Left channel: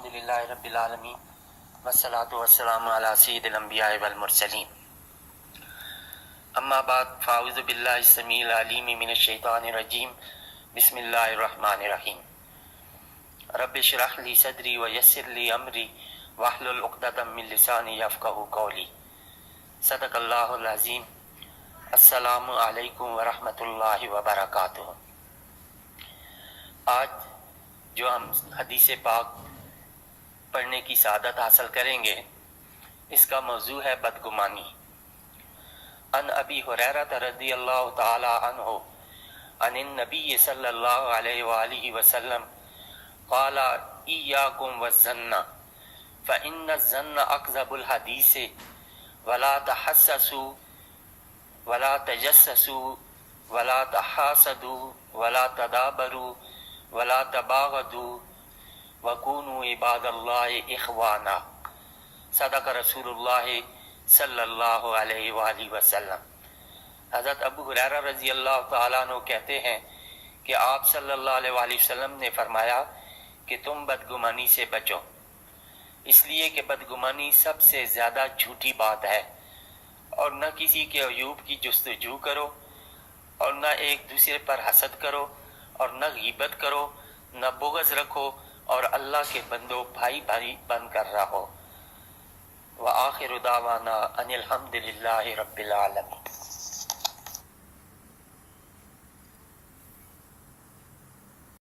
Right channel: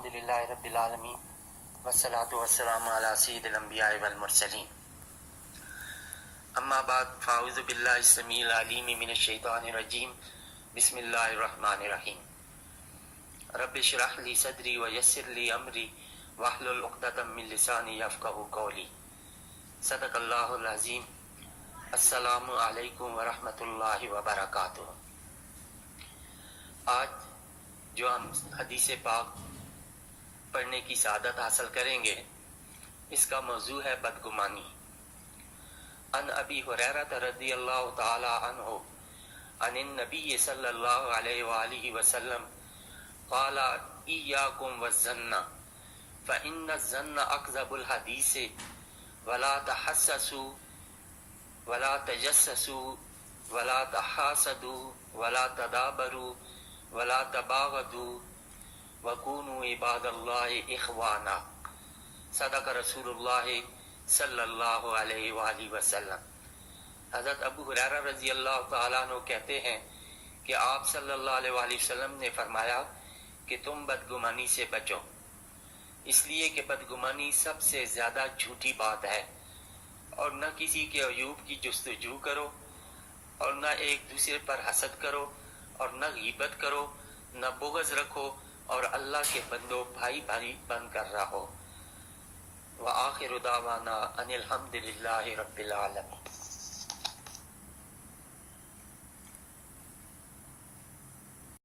الحمدللہ رب العالمین والصلاة والسلام علی سید الانبیاء والمرسلین اما بعد فاعوذ باللہ السمیع العلیم من الشیطان الرجیم بسم اللہ الرحمن الرحیم رب اشرح لی صدری ویسر لی امری واحلل عقدۃ من لسانی یفقہوا قولی صدق اللہ العظیم السلام علیکم ورحمۃ اللہ وبرکاتہ۔ آج جو ہم حدیث پاک پڑھنے کی سعادت حاصل کریں گے اس کا موضوع ہے بدگمانی۔ عن ابی ہریرہ رضی اللہ تعالی عنہ عن النبی صلی اللہ علیہ وآلہ وسلم قال ایاکم والظن فإن الظن اکذب الحدیث ولا تحسسوا ولا تجسسوا ولا تحاسدوا ولا تدابروا ولا تباغضوا وَكُونُوا عِبَادَ اللَّهِ إِخْوَانًا صدق رسول اللہ صلی اللہ علیہ وآلہ وسلم۔ حضرت ابو ہریرہ رضی اللہ تعالیٰ عنہ کہتے ہیں کہ آپ صلی اللہ علیہ وآلہ وسلم نے فرمایا کہ تم بدگمانی سے بچو، اس لیے کہ بدگمانی سب سے زیادہ جھوٹی بات ہے، اور نہ کسی کے عیوب کی جستجو کرو، اور نہ ایک دوسرے پر حسد کرو، اور نہ غیبت کرو، نہ بغض رکھو، اور اللہ کے بندوں بھائی بھائی بن کر رہو۔ وآخر دعوانا ان الحمدللہ رب العالمین۔